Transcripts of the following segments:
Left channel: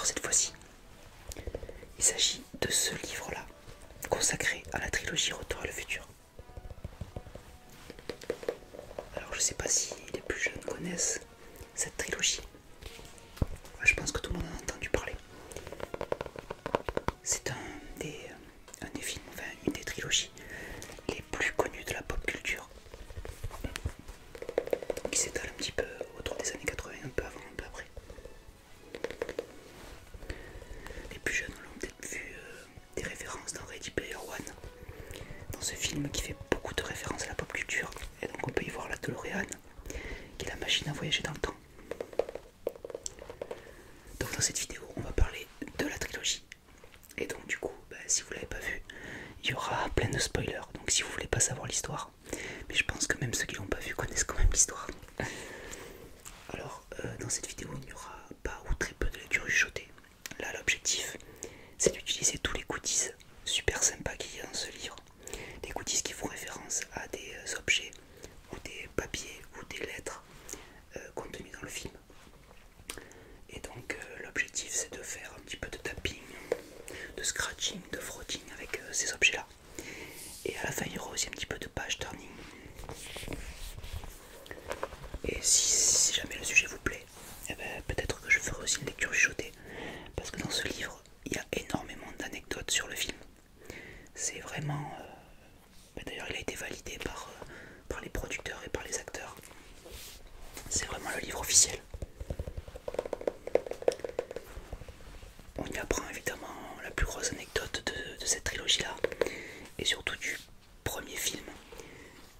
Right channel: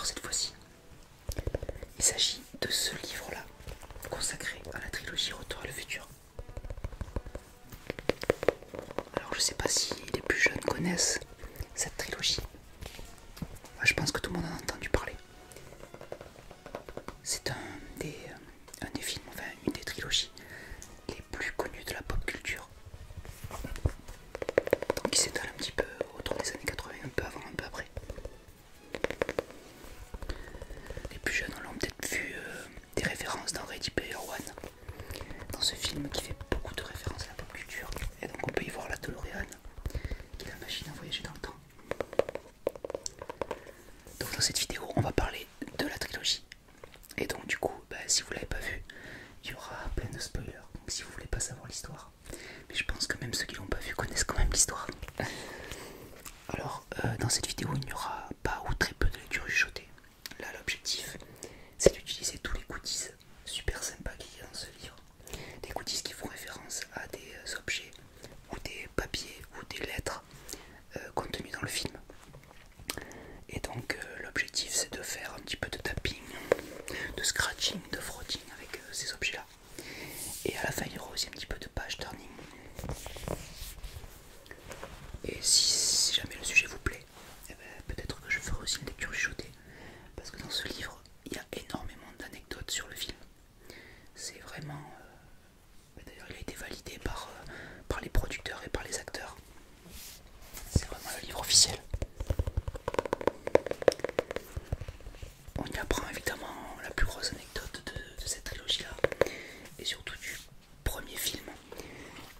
Alors cette fois-ci, il s'agit de ce livre-là, consacré à la trilogie Retour à le futur. Alors je sais pas si les plus jeunes connaissent cette trilogie. Moi, je pense que tout le monde en a entendu parler. C'est un des films, enfin une des trilogies les plus connues de la pop culture, qui s'étale un petit peu autour des années 80, un peu avant, un peu après. Les plus jeunes l'ont peut-être vu des références dans Ready Player One, dans ce film qui fait beaucoup de références à la pop culture, et donc on peut y voir la DeLorean, qui est la machine à voyager dans le temps. Donc dans cette vidéo, on va parler de la trilogie. Et donc du coup, si vous l'avez pas vu, il y aura plein de spoilers. Donc si vous voulez pas savoir l'histoire, mais je pense que même ceux qui l'ont pas vu connaissent quand même l'histoire. Alors dans cette vidéo, il n'y aura pas ou très peu de lecture chuchotée. Là, l'objectif, c'est d'utiliser tous les goodies super sympas qu'il y a dans ce livre. Des goodies qui font référence à des objets ou des papiers ou des lettres contenus dans le film. Et donc l'objectif, c'est de faire un petit peu de tapping, de scratching, de frotting avec ces objets là, et à la fin il y aura aussi un petit peu de page turning. Et si jamais le sujet vous plaît, eh ben, peut-être que je ferai aussi une lecture chuchotée, parce que dans ce livre il y a énormément d'anecdotes sur le film. C'est vraiment d'ailleurs il a été validé par les producteurs et par les acteurs. C'est vraiment le livre officiel. On y apprend évidemment la plus grosse anecdote de cette trilogie-là, et surtout du premier film.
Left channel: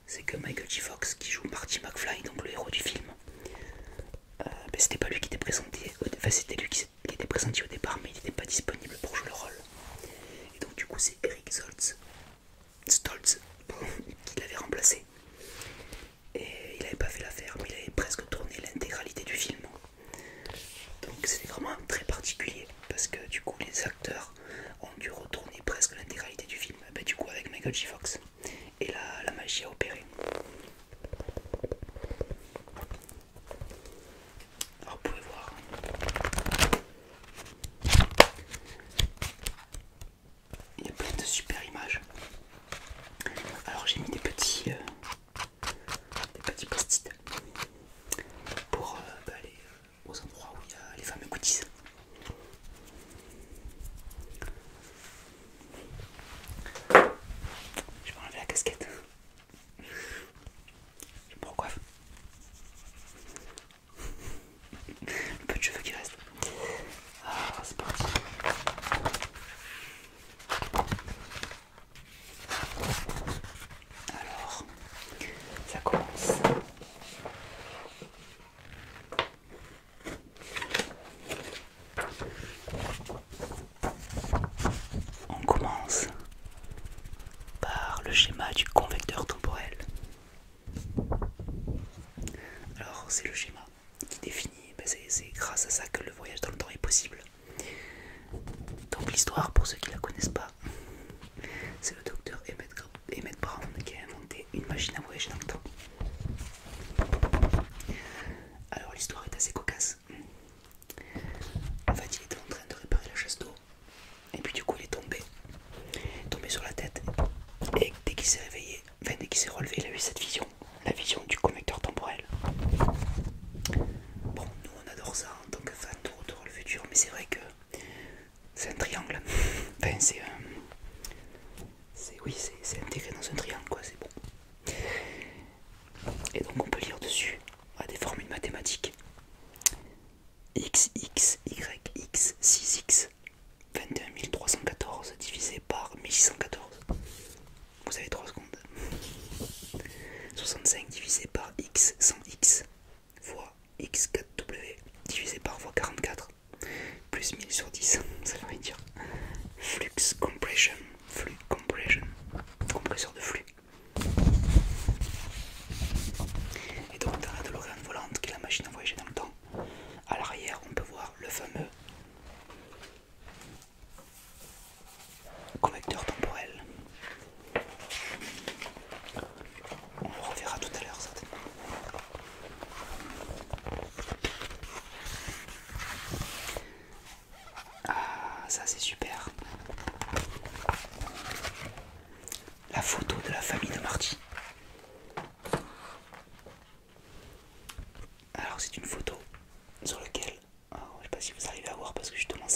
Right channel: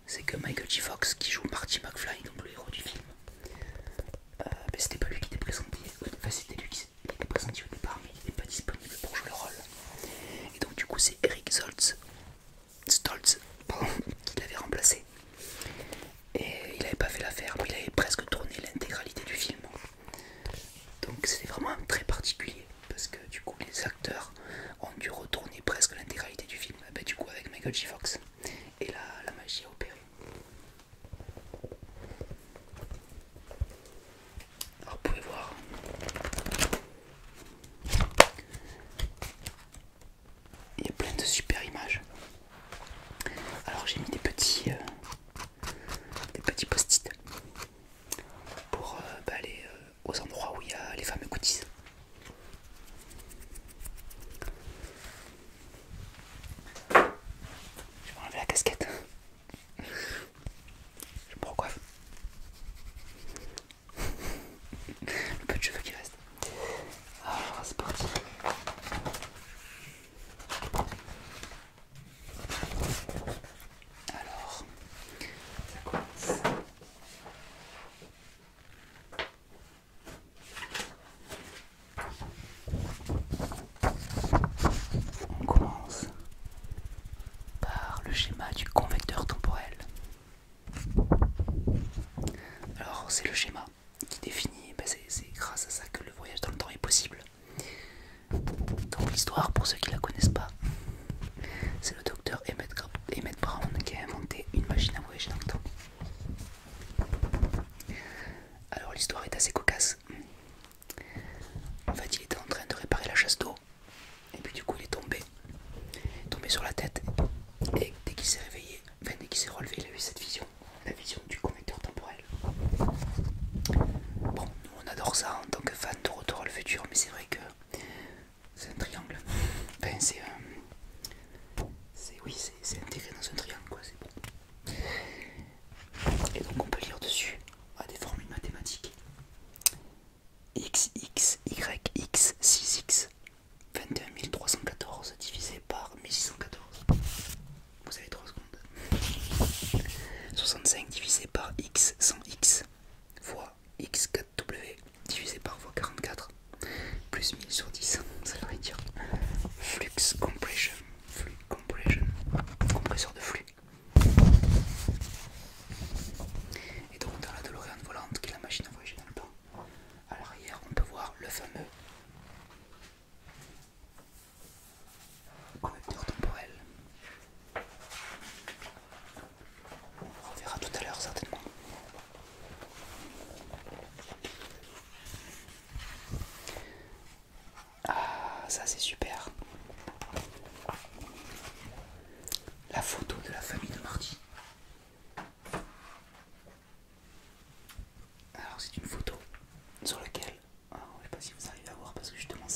C'est que Michael J. Fox, qui joue Marty McFly, donc le héros du film, c'était pas lui qui était présenté, enfin c'était lui qui était présenté au départ, mais il n'était pas disponible pour jouer le rôle. Et donc du coup c'est Eric Stoltz qui l'avait remplacé. Et il avait pas fait l'affaire, mais il avait presque tourné l'intégralité du film. Donc c'était vraiment très particulier, parce que du coup les acteurs ont dû retourner presque l'intégralité du film, du coup avec Michael J. Fox. Et là, la magie a opéré. Alors vous pouvez voir, il y a plein de super images. Alors j'ai mis des petits post-it pour aller aux endroits où il y a les fameux goodies. Je vais enlever la casquette. Je me recoiffe. Le peu de cheveux qui reste. Ah, c'est parti. Alors, ça commence. On commence par le schéma du convecteur temporel. Alors c'est le schéma qui définit, c'est grâce à ça que le voyage dans le temps est possible. Donc l'histoire, pour ceux qui la connaissent pas, c'est le docteur Emmett Brown qui a inventé une machine à voyager dans le temps. Alors l'histoire est assez cocasse. En fait il était en train de réparer la chasse d'eau, et puis du coup il est tombé sur la tête, et dès qu'il s'est réveillé, enfin dès qu'il s'est relevé, il a eu cette vision, la vision du convecteur temporel. Bon, nous on adore ça en tant que fan de Retour à le futur, mais c'est vrai que c'est un triangle. Enfin c'est intégré dans un triangle quoi, c'est bon. Et donc on peut lire dessus des formules mathématiques. X, Y, X, 6X, 21 314 divisé par 1614. Vous avez 3 secondes. 65 divisé par X, 100X, fois X4W divisé par fois 44, plus 1000 sur 10, ça veut dire flux compression, compresseur de flux. Et donc dans la DeLorean volante, qui est la machine à voyager dans le temps, à l'arrière on peut voir le fameux convecteur temporel. On le reverra tout à l'heure certainement.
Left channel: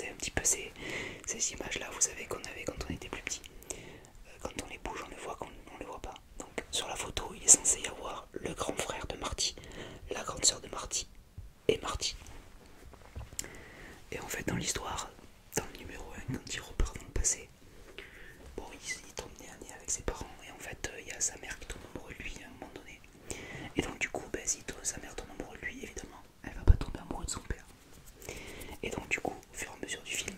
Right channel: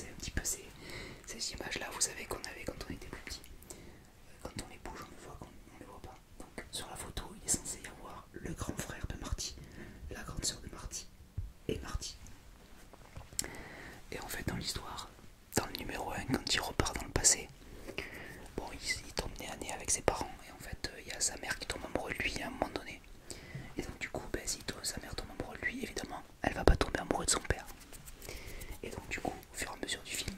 c'est un petit peu ces images-là, vous savez, qu'on avait quand on était plus petit. Quand on les bouge, on les voit, quand on les voit pas. Donc sur la photo, il est censé y avoir le grand frère de Marty, la grande sœur de Marty et Marty. Et en fait, dans l'histoire, dans le numéro 1, quand il repart dans le passé, bon, il tombe nez à nez avec ses parents, et en fait, il y a sa mère qui tombe amoureuse de lui à un moment donné. Et donc, du coup, si sa mère tombe amoureuse de lui, évidemment, elle va pas tomber amoureuse de son père. Et donc, du coup, au fur et à mesure du film,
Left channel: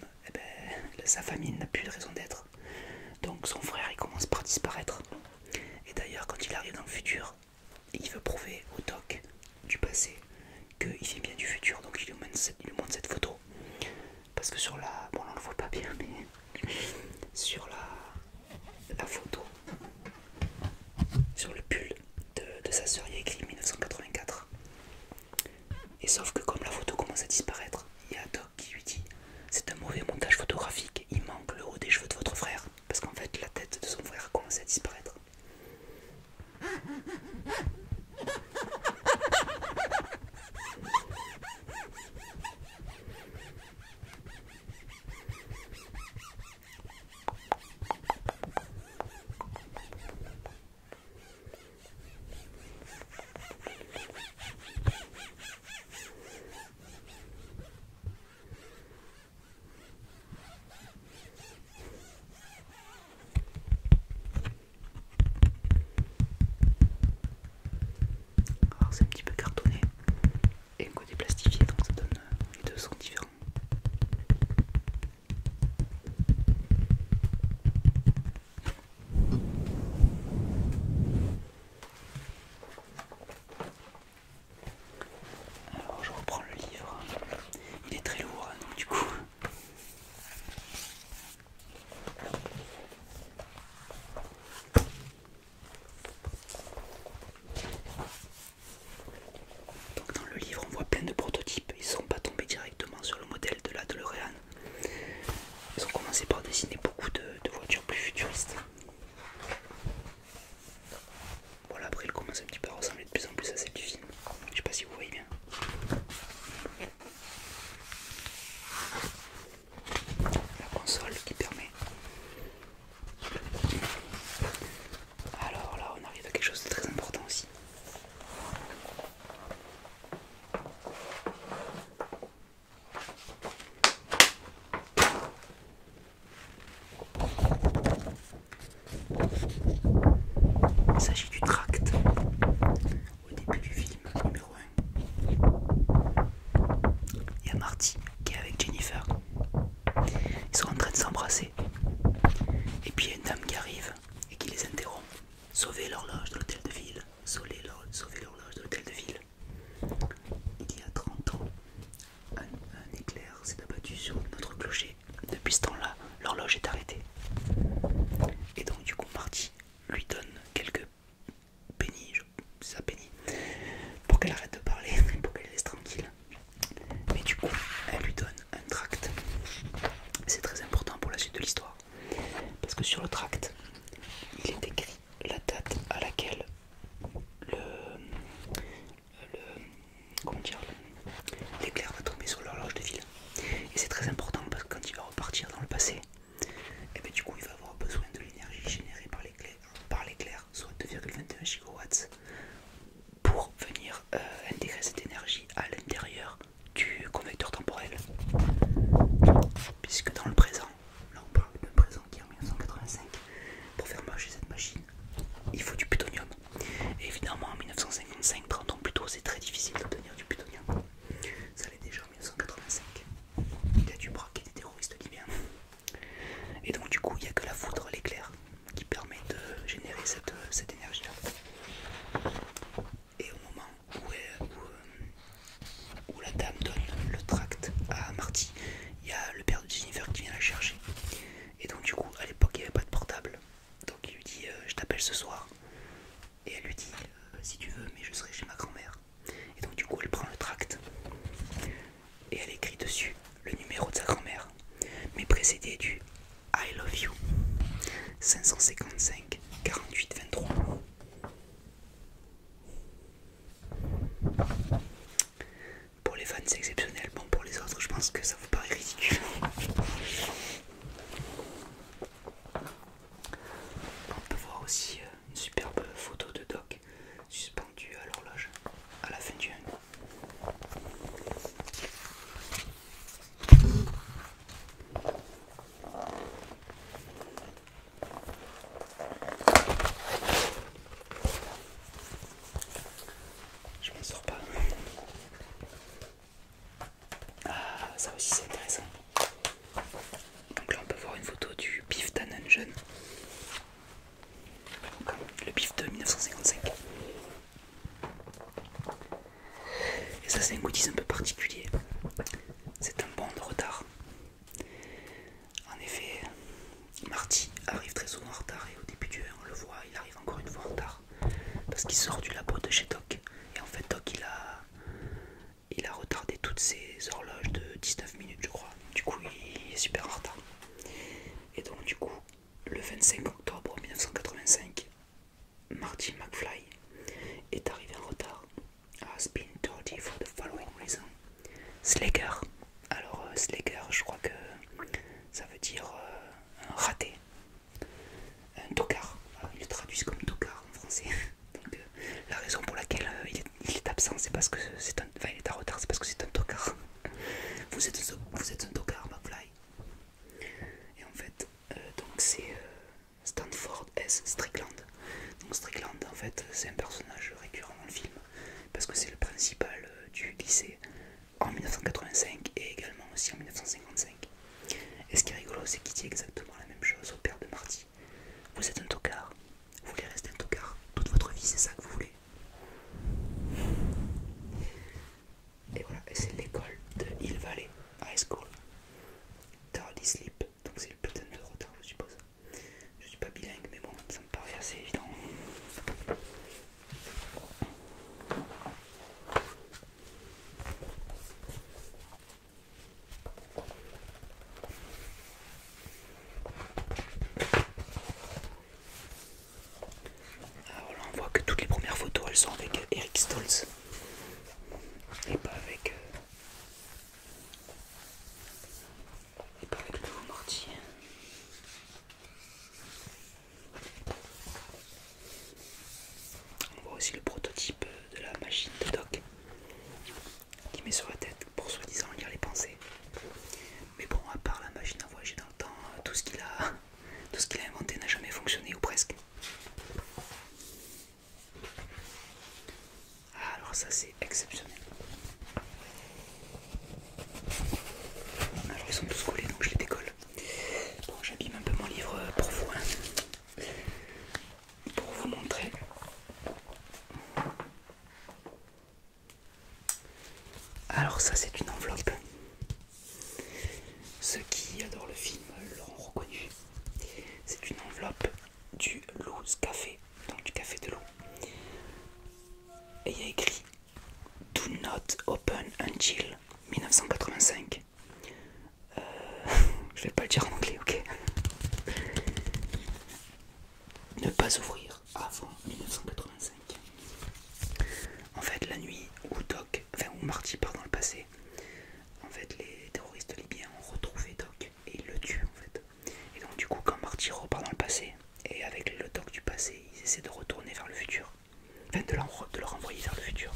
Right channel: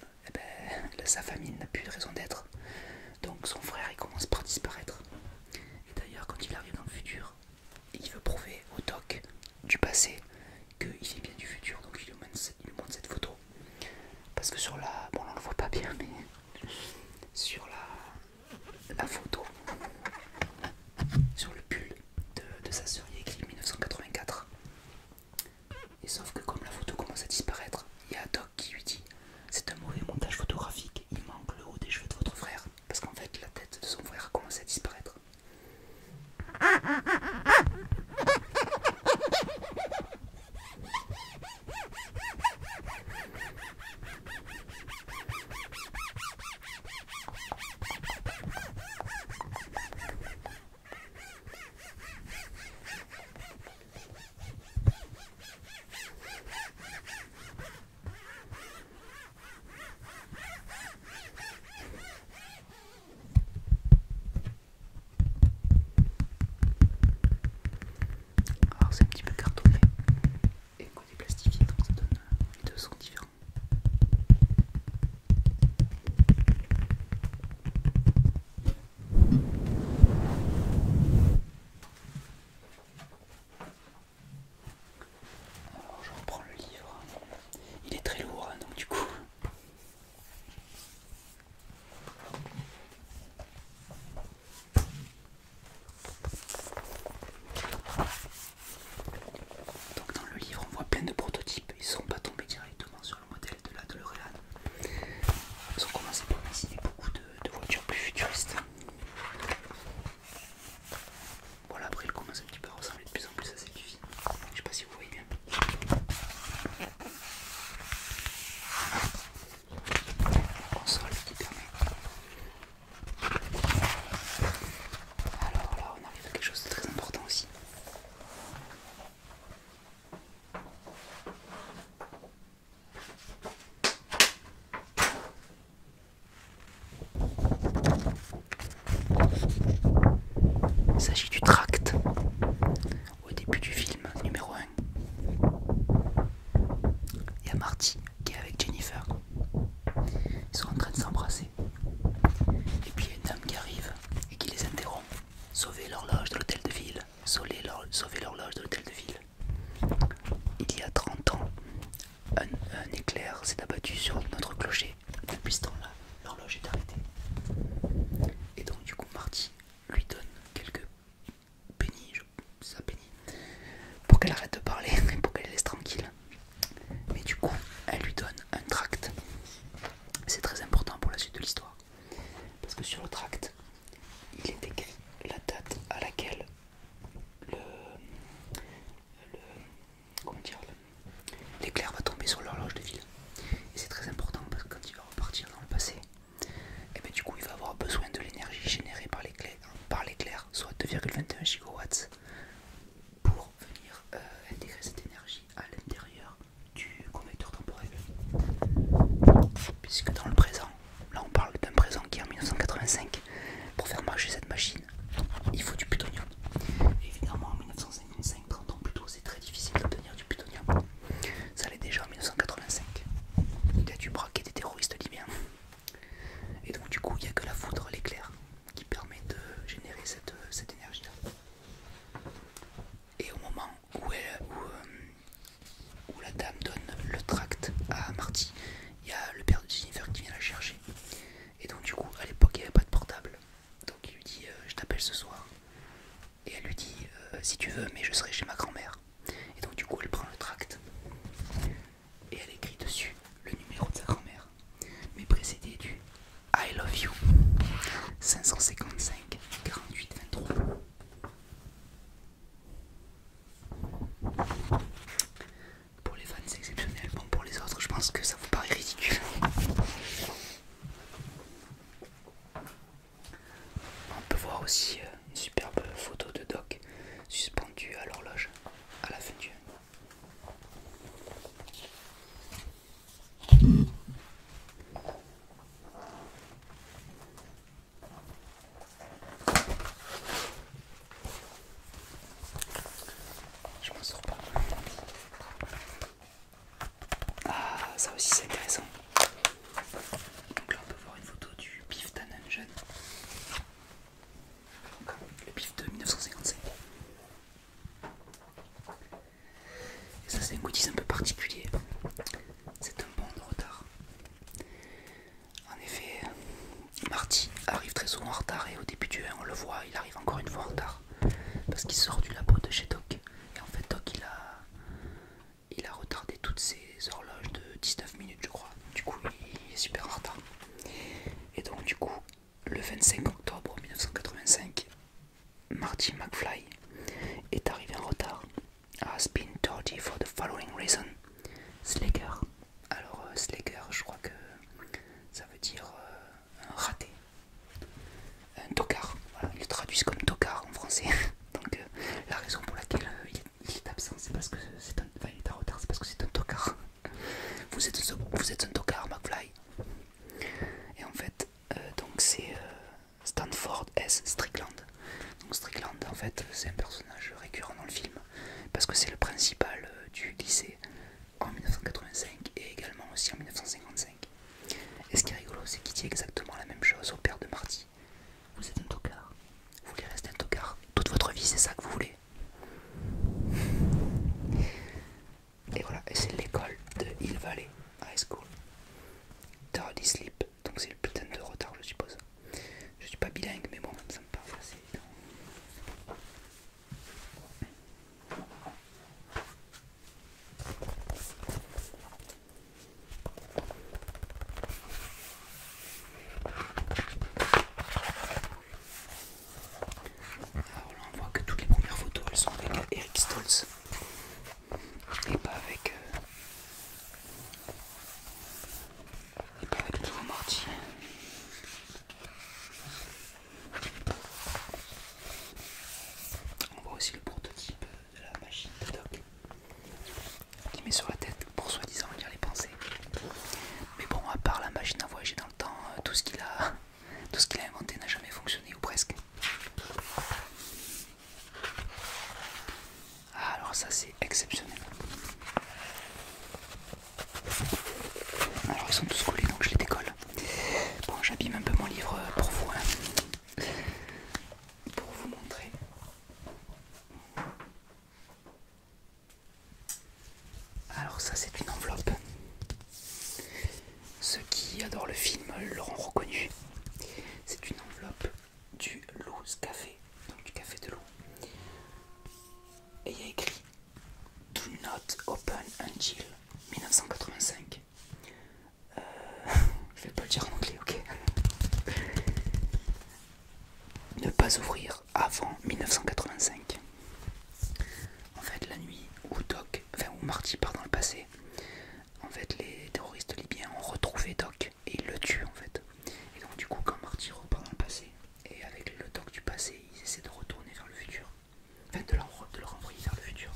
sa famille n'a plus de raison d'être. Donc, son frère, il commence par disparaître. Et d'ailleurs, quand il arrive dans le futur, il veut prouver au doc du passé qu'il vient bien du futur, donc il lui montre cette photo. Parce que sur la... bon là on le voit pas bien, mais sur la photo, sur le pull de sa sœur, il y a écrit 1984. Et sauf que comme la photo commence à disparaître, il y a Doc qui lui dit c'est un mauvais montage photographique, il manque le haut des cheveux de votre frère. Parce qu'en fait la tête de son frère a commencé à disparaître. fois, il arrive encore une fois en retard. Parce qu'il sort du labo de chez Doc. Et en fait, Doc, il a retardé toutes ses horloges de 19 minutes, je crois. Du coup, il est super en retard. Et donc, du coup, le 25 octobre 1985, Marty McFly est arrivé en retard. Has been tardy for the following reason. Slacker. Alors, Slacker, je crois que ça veut dire un raté. Un tocard. Ils le traduisent comme tocard en français. Donc, la raison pour laquelle il est absent, c'est parce que c'est un. Enfin, il est en retard, c'est parce que c'est un tocard. Vous êtes un tocard, McFly. Et en fait, donc c'est Stanford S. Strickland. Donc Strickland, en fait, c'est un personnage récurrent dans le film parce que c'est le principal du lycée en 1985 et également aussi en 1955. Et ce qui est rigolo, c'est qu'il dit exactement la même chose au père de Marty. Vous êtes un tocard. Vous voulez rester un tocard toute votre vie, c'est ça que vous voulez. Et voilà, et c'est l'école de Hill Valley High School. Tardy Sleep, donc c'est le putain de retard, je suppose. Je suis pas bilingue, mais bon, ça me paraît assez évident. Alors là, on voit que toutes les premières photos, elles sont avec Eric Stoltz et pas avec le nouveau Marty. On voit aussi le prototype de la machine de Doc qui met sur la tête pour soi-disant lire les pensées. Mais bon, à part la machine à voyager dans le temps, tout ce qu'il a inventé n'a jamais fonctionné ou presque. Ah, alors ça c'est exceptionnel. Alors ils sont tous collés donc je les décolle. Bon, j'abîme un peu mon livre pour vous, hein, pour vous montrer. Alors ça c'est une enveloppe. Ceux qui adorent le film l'auront reconnu. C'est une enveloppe du Lou's Café, donc du café de Lou. Et il y a écrit Do not open until 1985. Je vais pas le dire en anglais, ok. Ne pas ouvrir avant 1985. En fait, la nuit où Marty part dans le passé, en fait, les terroristes libyens ont retrouvé Doc et ils le tuent en fait. Et donc du coup, quand Marty repart dans le passé et avec le Doc du passé, ils essaient de retourner vers le futur, enfin de le renvoyer vers le futur.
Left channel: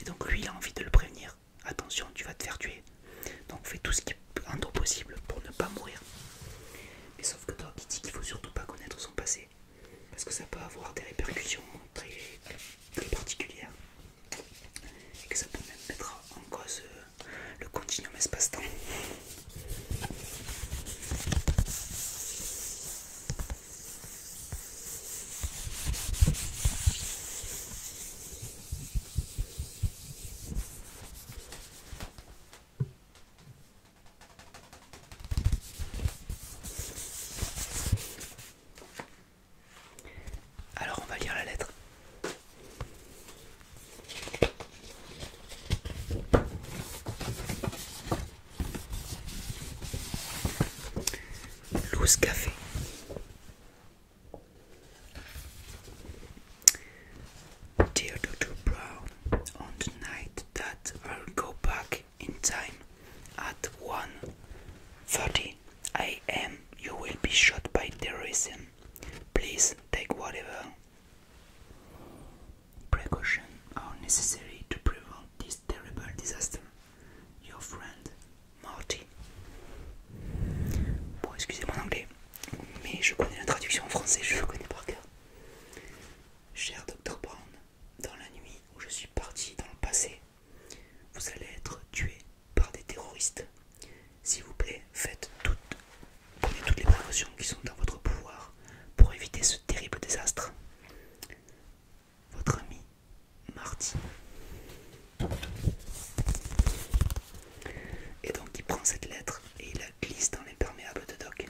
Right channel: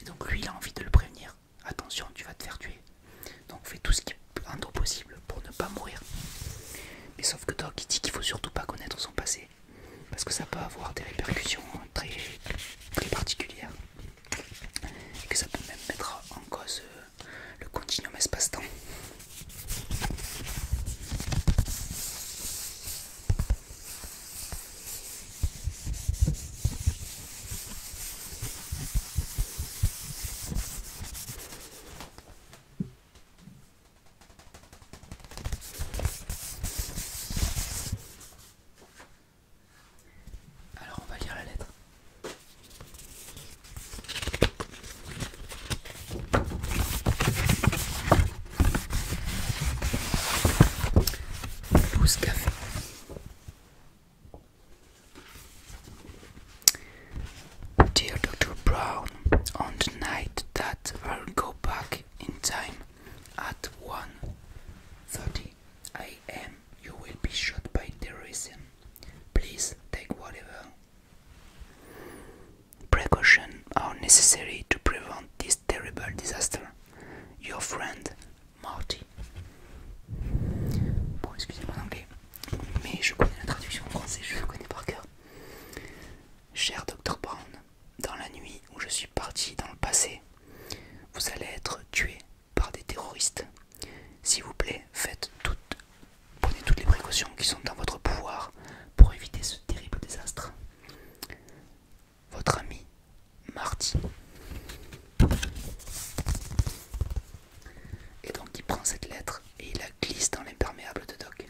Et donc lui, il a envie de le prévenir. Attention, tu vas te faire tuer. Donc fais tout ce qui est possible pour ne pas mourir. Mais sauf que Doc, il dit qu'il faut surtout pas connaître son passé parce que ça peut avoir des répercussions très, très particulières et que ça peut même mettre en cause le continuum espace-temps. Alors on va lire la lettre. Lou's Café. Dear Dr. Brown, on the night that I'll go back in time at 1:30 a.m. you will be shot by terrorism. Please take whatever precautions are necessary to prevent this terrible disaster. Your friend, Marty. Bon, excusez mon anglais, mais je connais la traduction en français, je le connais par cœur. Cher Dr. Brown, dans la nuit où je suis parti dans le passé, vous allez être tué par des terroristes. S'il vous plaît, prenez toutes les précautions qui sont dans votre pouvoir pour éviter ce terrible désastre. Votre ami, Marty. Et donc il prend cette lettre et il la glisse dans l'imperméable de Doc.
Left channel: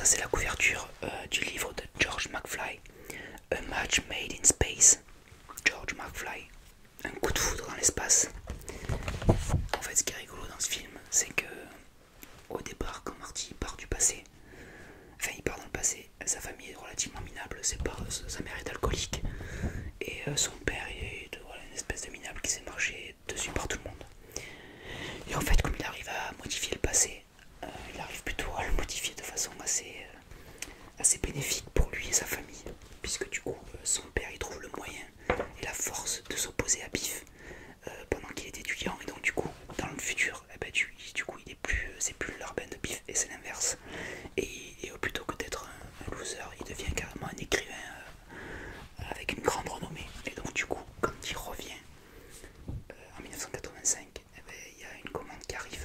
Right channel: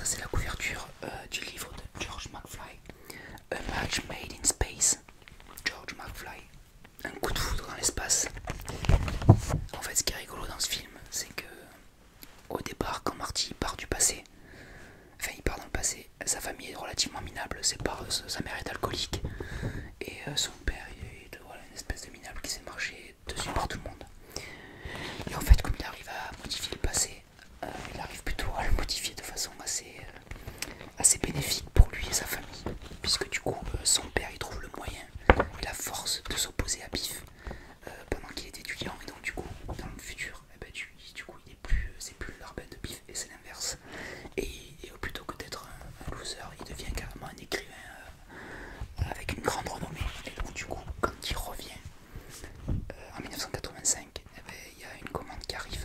ça c'est la couverture du livre de George McFly, A Match Made in Space. George McFly, un coup de foudre dans l'espace. En fait, ce qui est rigolo dans ce film, c'est que au départ, quand Marty part du passé, enfin il part dans le passé, sa famille est relativement minable, sa mère est alcoolique et son père est voilà, une espèce de minable qui s'est marché dessus par tout le monde. Et en fait, comme il arrive à modifier le passé, il arrive plutôt à le modifier de façon assez bénéfique pour lui et sa famille, puisque du coup son père il trouve le moyen et la force de s'opposer à Biff pendant qu'il est étudiant, et donc du coup dans le futur du coup c'est plus l'urbain de Biff et c'est l'inverse, et plutôt que d'être un loser il devient carrément un écrivain avec une grande renommée. Et donc du coup quand il revient en 1985, il y a une commande qui arrive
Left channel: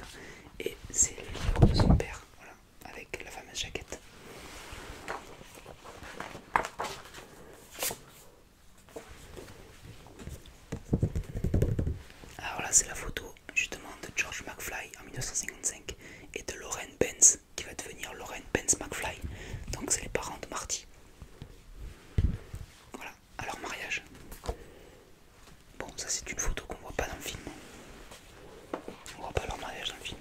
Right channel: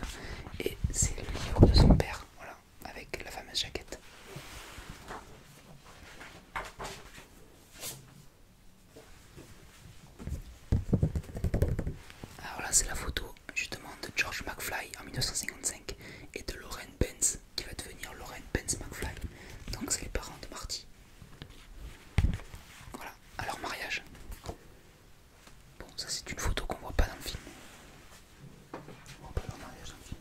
et c'est le livre de son père, voilà, avec la fameuse jaquette. Alors là c'est la photo justement de George McFly en 1955 et de Lauren Benz qui va devenir Lauren Benz McFly. Donc c'est les parents de Marty. Voilà, à leur mariage. Bon, ça c'est une photo qu'on voit pas dans le film. On voit pas leur mariage dans le film.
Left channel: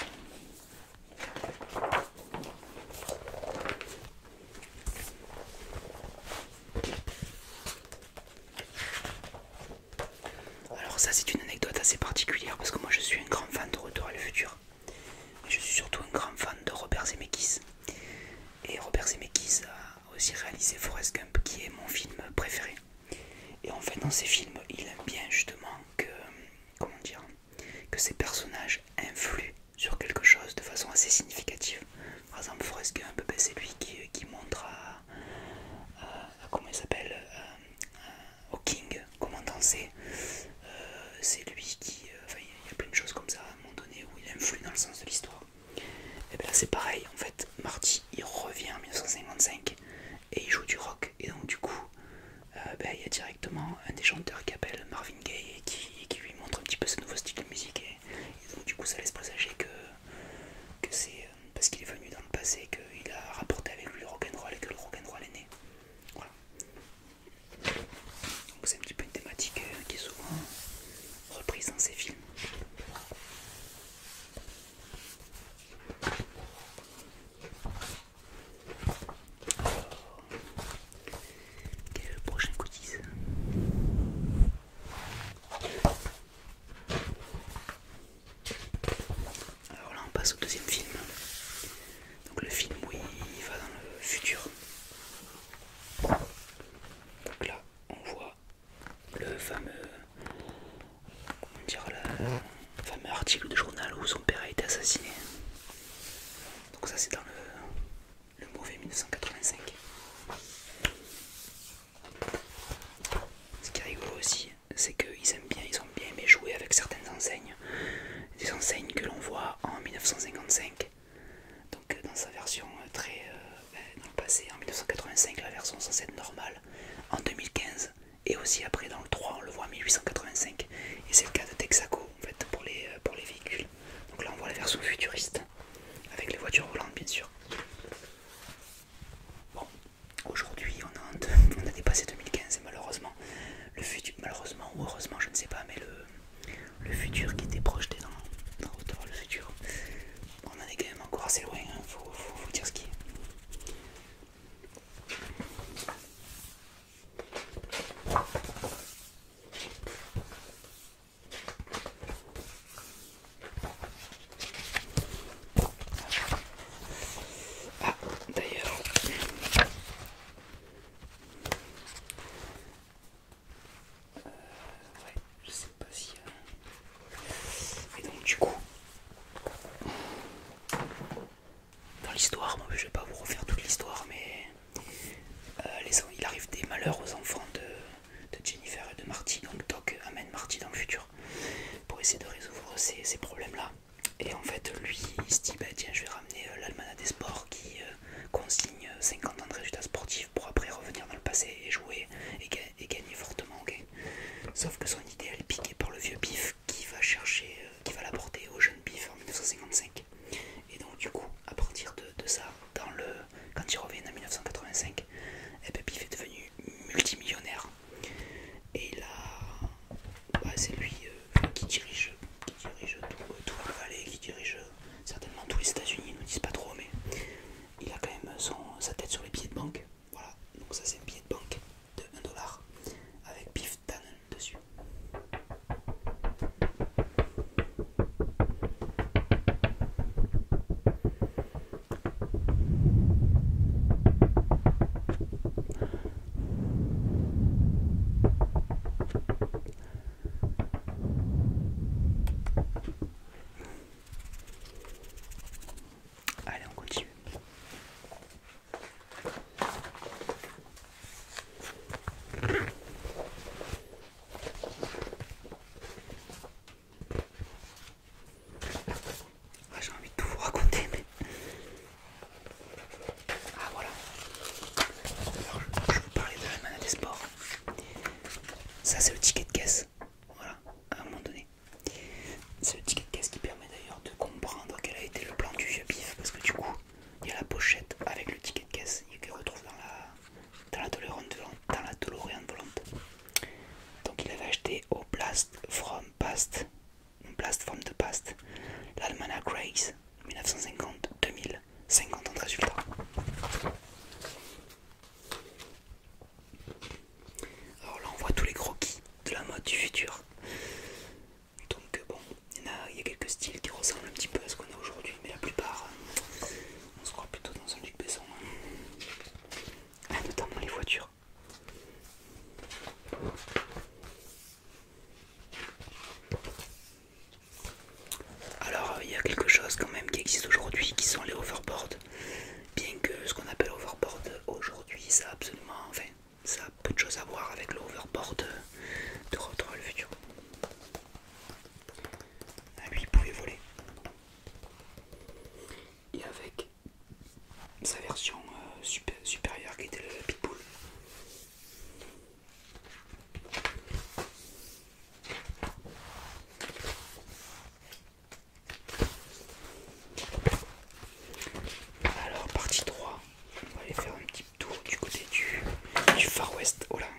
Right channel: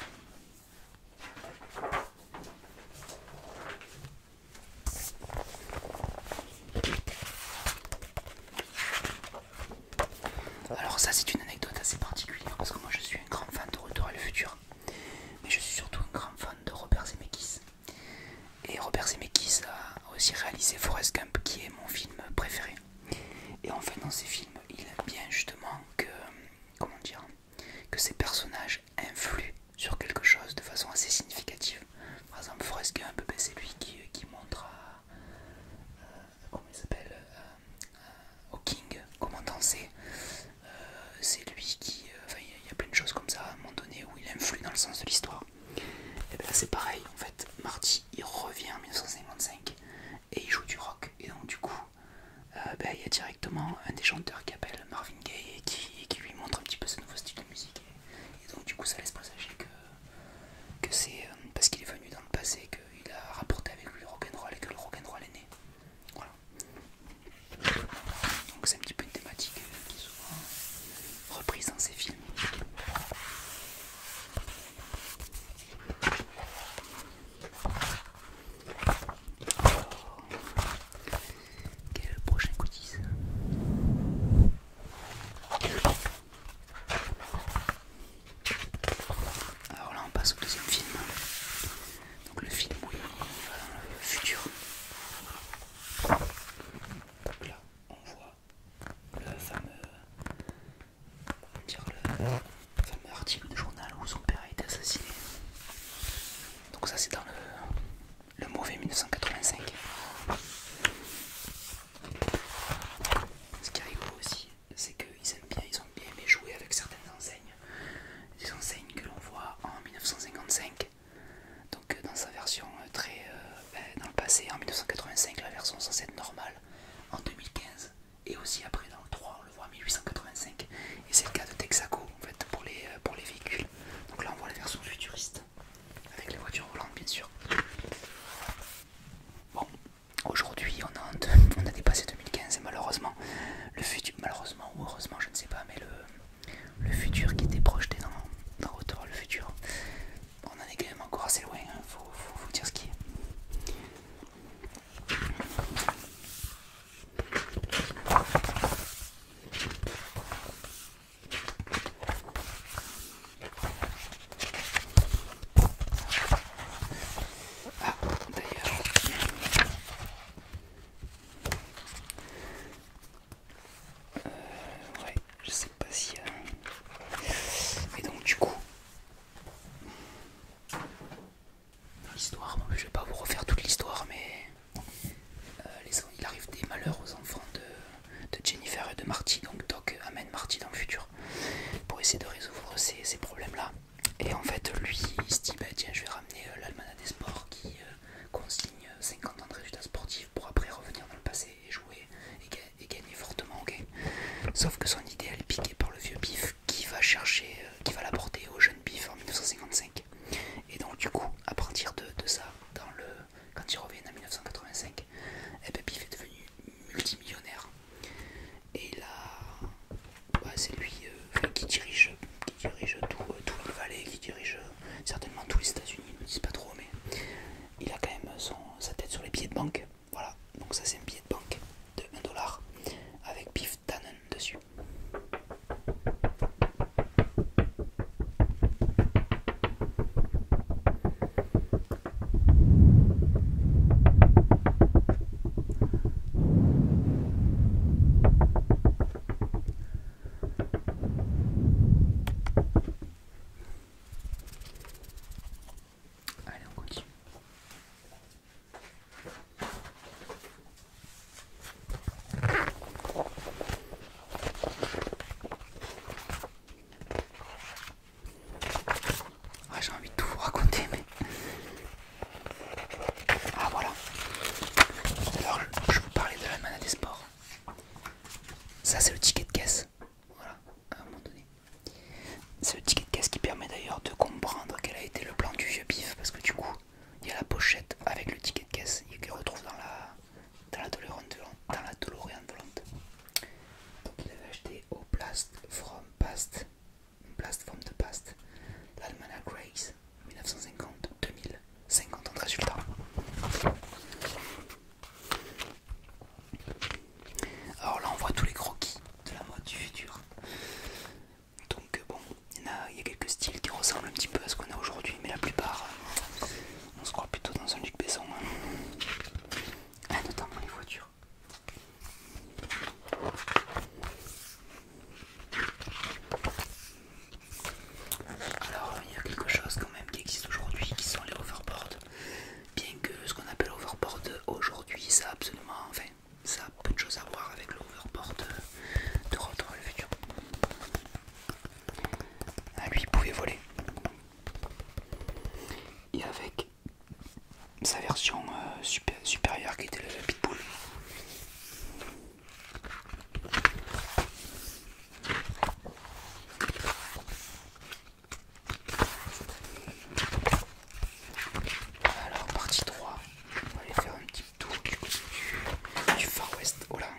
Alors ça c'est une anecdote assez particulière parce que moi je suis un grand fan de Retour à le futur. Mais je suis surtout un grand fan de Robert Zemeckis. Et Robert Zemeckis a aussi réalisé Forrest Gump qui est mon film préféré. Et en fait dans ces films il aime bien justement que, comment dire, que ces personnages influent sur quelque chose de façon assez significative. Par exemple Forrest Gump, c'est lui qui montre comment il s'appelle, au King comment danser. C'est lui qui, enfin il y a plein de choses comme ça à un moment donné où il influe dans le sens de l'histoire. Et bien c'est pareil, en fait Marty il revient en 1955 et il joue du rock, et donc du coup il y a directement un des chanteurs qui appelle Marvin Gaye et qui lui montre un petit peu ce nouveau style de musique, et donc du coup ça laisse présager que c'est parce qu'il est venu dans le passé qu'il a rapporté avec lui le rock'n'roll et que le rock'n'roll est né. Voilà. Donc c'est un petit peu une thématique qui est souvent reprise dans ces films. Quel est le prochain goodies? Alors là on passe au deuxième film. Donc le film où il va dans le futur. Donc là on voit le fameux, comment dire, le fameux article de journal où son père a été assassiné. Donc ça c'est dans le mauvais 1985. Ce qui est rigolo aussi, c'est qu'ils ont bien aimé jouer avec certaines enseignes. Des enseignes que l'on voit en 1955. Donc dans sa version dans le passé, en 1985, la version censée être normale, en 2015, et aussi après dans le 3 on le voit en 1885, et c'est le cas de Texaco en fait pour les véhicules. Donc là on voit la version futuriste avec les voitures volantes bien sûr. Bon, aujourd'hui on a dépassé 2015 et malheureusement le futur, malheureusement ou heureusement je ne sais pas, mais le futur qui était projeté dans Retour vers le futur, on en est quand même encore assez loin, hein, faut dire ce qui est. Ah, d'ailleurs, ouais, je sais pas si... Et donc du coup, dans l'histoire, je vais pas vous refaire toute l'histoire, mais il arrive des malheurs aux enfants de Jennifer et de Marty. Donc Doc amène Marty dans le futur pour essayer de résoudre ces problèmes-là. Et en fait, lui, il se dit, bah tiens, je vais ramener l'almanach des sports qui consigne 50 ans de résultats sportifs pour après revenir dans le passé et jouer et gagner fortement, ok. Sauf que son idée, elle est piquée par le vieux Biff qui va l'apporter au jeune Biff en 1955. Et donc du coup, à partir de ça, quand il revient ça c'est un billet de banque de 1$ avec Biff Tannen dessus. Allez, on continue. Ah, j'ai envie de tout vous raconter, mais... Ah, voilà. Alors, je vous parlais de la manette des sports. Ça, c'est le ticket de caisse. Voilà, à un moment donné. C'est le ticket de caisse qui permet d'ailleurs de comprendre quel a été le plan du vieux Biff, parce que du coup, il y a la pochette avec le ticket de caisse qu'il retrouve dans la DeLorean volante. Donc il avait acheté au Blast from the Past, l'Almanac Race 1950-2000, 50 ans de résultats. Alors là on voit tous les croquis de la mode du futur. Donc bon, il y a quelques styles qui ressemblent un petit peu à ce qu'on a aujourd'hui, mais la plupart, on se croit plutôt dans un Luc Besson. Notamment les voitures. Alors il y a quelque chose quand même qui existe aujourd'hui qui sont les hoverboards. Bien que ce qu'on appelle hoverboard aujourd'hui, ça a absolument, enfin, ça a peu de choses à voir avec le hoverboard de Retour vers le futur. Ah, lui il pouvait voler. Et avec sa version supérieure qui était le Pitbull. Alors partie 3, on va aller faire un petit tour du côté du Far West. Oh là,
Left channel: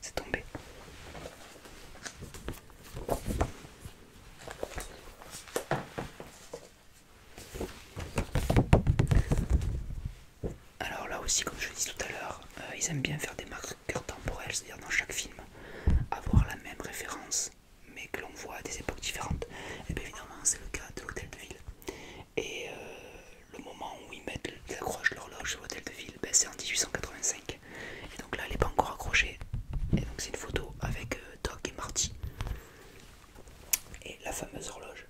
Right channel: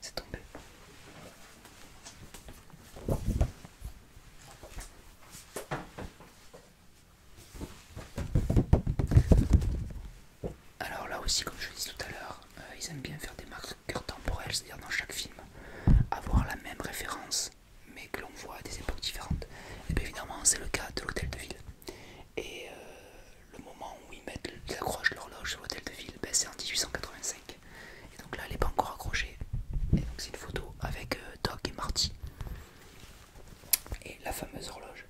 c'est tombé. Alors là aussi, comme je le disais tout à l'heure, ils aiment bien faire des marqueurs temporels, c'est-à-dire dans chaque film avoir la même référence mais que l'on voit à des époques différentes. Et bien évidemment c'est le cas de l'hôtel de ville. Et le moment où ils accrochent l'horloge sur l'hôtel de ville, ben, c'est en 1885. Et donc là elle n'est pas encore accrochée. Et donc c'est une photo avec Doc et Marty. Et la fameuse horloge.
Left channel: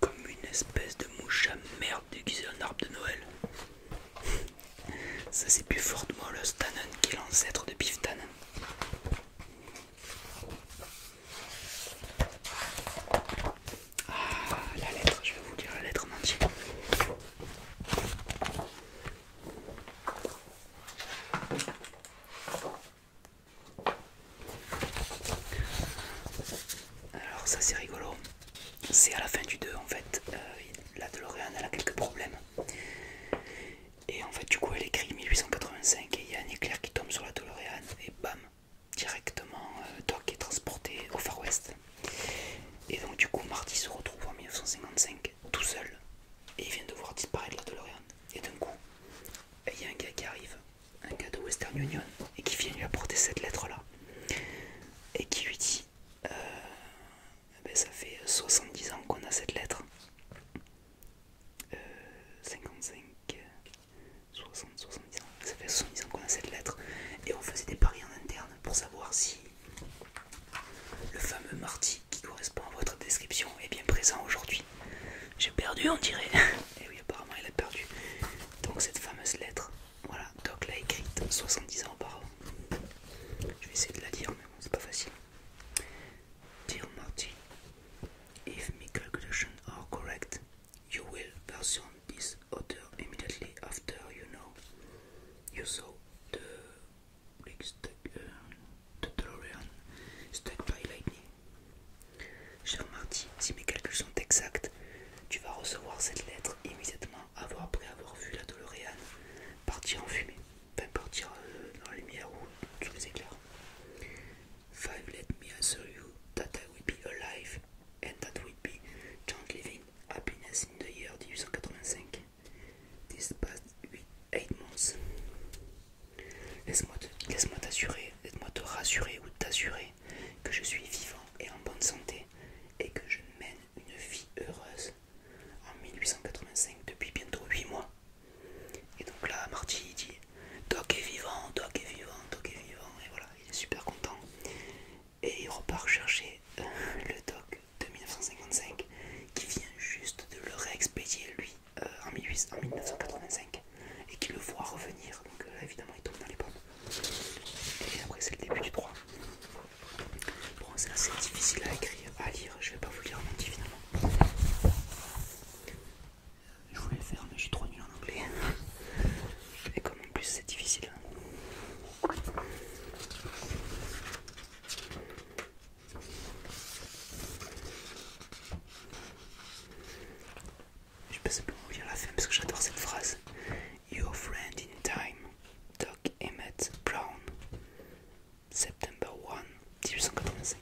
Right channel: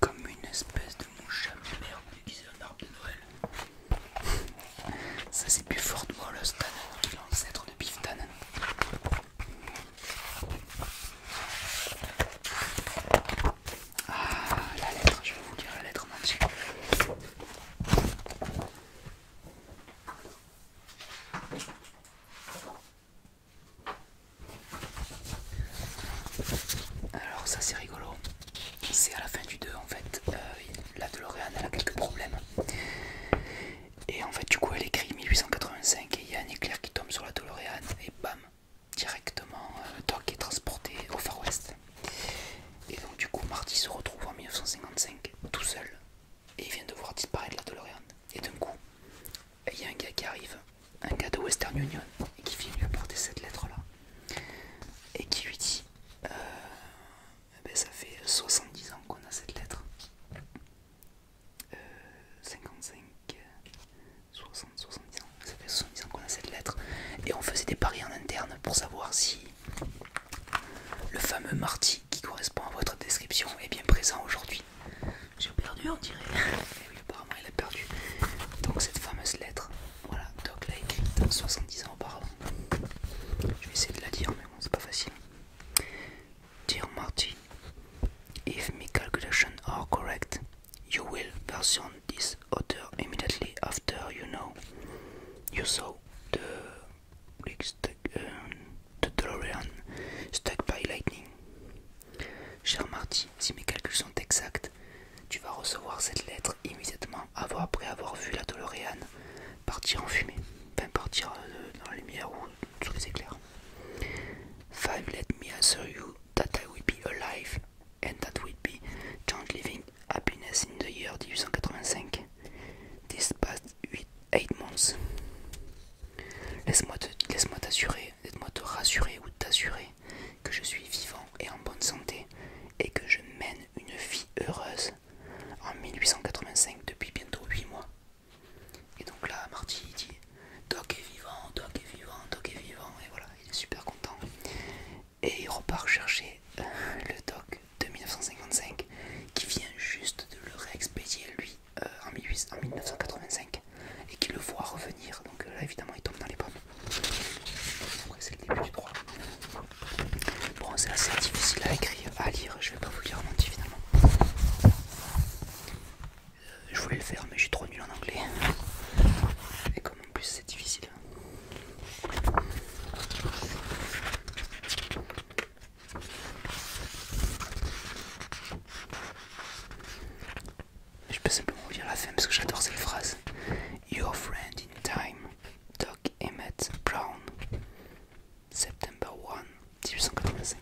Comme une espèce de mouche à merde déguisée en arbre de Noël. Ça c'est plus fort de Wallace Tannen qui est l'ancêtre de Biff Tannen. Ah, la lettre, je vais vous lire la lettre en entier. Alors ça c'est rigolo. C'est à la fin du 2 en fait. La DeLorean elle a quelques problèmes. Et en fait du coup elle écrit 1885 et il y a un éclair qui tombe sur la DeLorean et bam, directement Doc est transporté au Far West. Et donc du coup Marty se retrouve en 1955 tout seul et il vient de voir disparaître la DeLorean. Et d'un coup il y a un gars qui arrive, un gars de Western Union, et qui vient lui apporter cette lettre là et qui lui dit ben, ça fait 70 ans qu'on a cette lettre. 55, 60, 70 ans, ça fait 70 ans qu'on a cette lettre et on faisait des paris en interne pour savoir si le fameux Marty qui correspond à votre description est bien présent aujourd'hui. J'ai perdu on dirait. Et oui apparemment il a perdu. Donc cette fameuse lettre, voilà, Doc l'a écrite 70 ans auparavant. Je vais essayer de la dire mais bon c'est pas facile. Dear Marty, if my calculations are correct, you will version this author immediately after saw the, the DeLorean struck by lightning. Cher Marty, si mes calculs sont exacts, tu vas recevoir cette lettre immédiatement après avoir vu la DeLorean partir en fumée, enfin partir dans la lumière ou sous les éclairs. 5. Let me assure you that I will be alive and that will be John living happiness in the year 1885. This past 8 months. Laisse-moi te rassurer ou t'assurer que je suis vivant et en bonne santé et que je mène une vie heureuse en 1885 depuis bientôt 8 mois. Et donc là, Marty dit Doc est vivant, Doc est vivant, Doc est vivant, et voilà, il est super content. Et il repart chercher le Doc de 1955 qui vient juste de le réexpédier lui en 1985 et qui le voit revenir. Donc là, évidemment, il tombe dans les pommes. Et après, c'est le début du droit. Bon, c'est assez difficile à écrire, à lire, je vais pas vous le dire en entier finalement. Je voulais le faire, mais je suis trop nul en anglais. Et comme en plus c'est difficile. Je peux simplement vous lire la fin parce que j'adore cette phrase. Your friend in time, Doc Emmett Brown, September 1, 1885.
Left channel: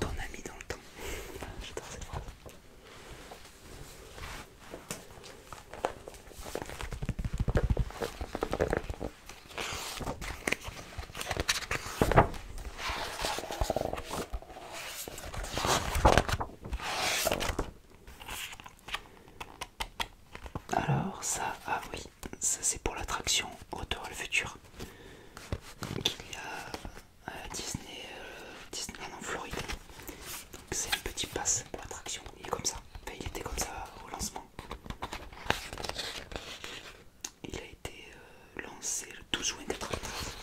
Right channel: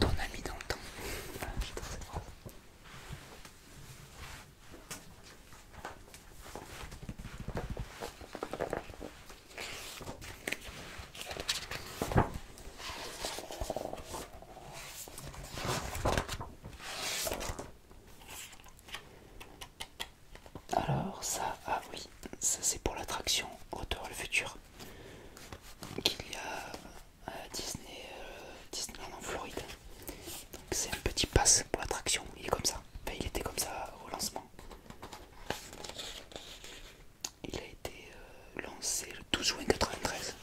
Ton ami dans le temps. J'adore cette phrase. Alors ça, ah oui, ça c'est pour l'attraction Retour à le futur qu'il y a à Disneyland en Floride. Donc c'est un petit pass pour l'attraction, il est comme ça, enfin, il était comme ça au lancement. Il a été lancé le 12 juin 93.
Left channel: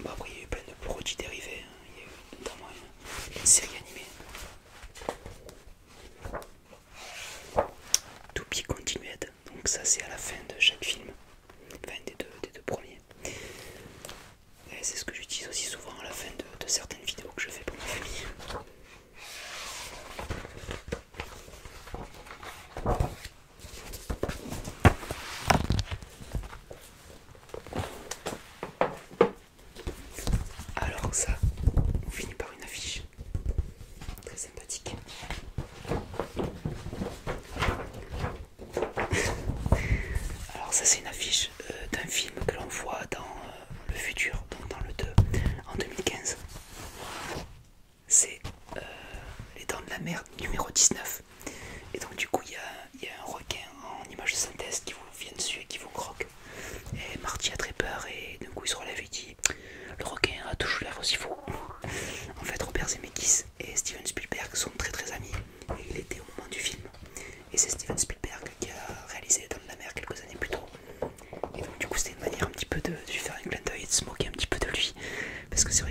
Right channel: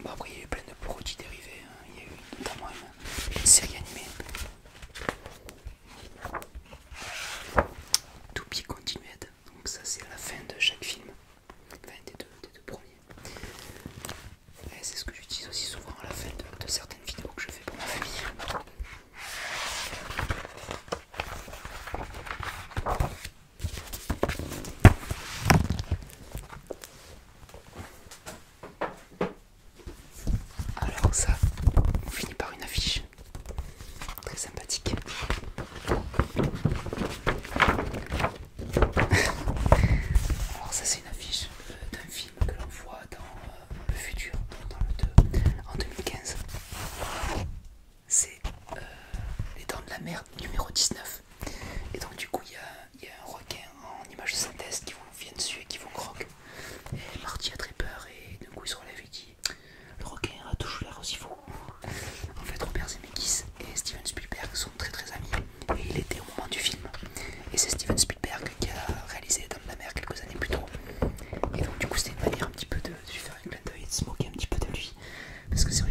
Bon, après il y a eu plein de produits dérivés, hein. Il y a eu notamment une série animée. To be continued, donc ça c'est à la fin de chaque film, enfin des deux premiers. Et c'est ce que j'utilise aussi souvent à la fin de certaines vidéos que je fais pour ma famille. Alors ça, on finit par une affiche très sympathique. Alors ça c'est une affiche d'un film que l'on voit dans le futur, donc dans le 2, en 2015. C'est Les Dents de la Mer numéro 19. Et donc du coup il y a un requin en image de synthèse qui vous vient dessus et qui vous croque. Et Marty a très peur et d'un coup il se relève et dit le requin a toujours l'air aussi fou. En fait Robert Zemeckis et Steven Spielberg sont très très amis et il était au moment du film. Et c'est Steven Spielberg qui a réalisé Les Dents de la Mer quelques années plus tôt. Et donc du coup c'était une manière un petit peu de lui faire un clin d'œil et de se moquer un petit peu de lui. Parce que c'est vrai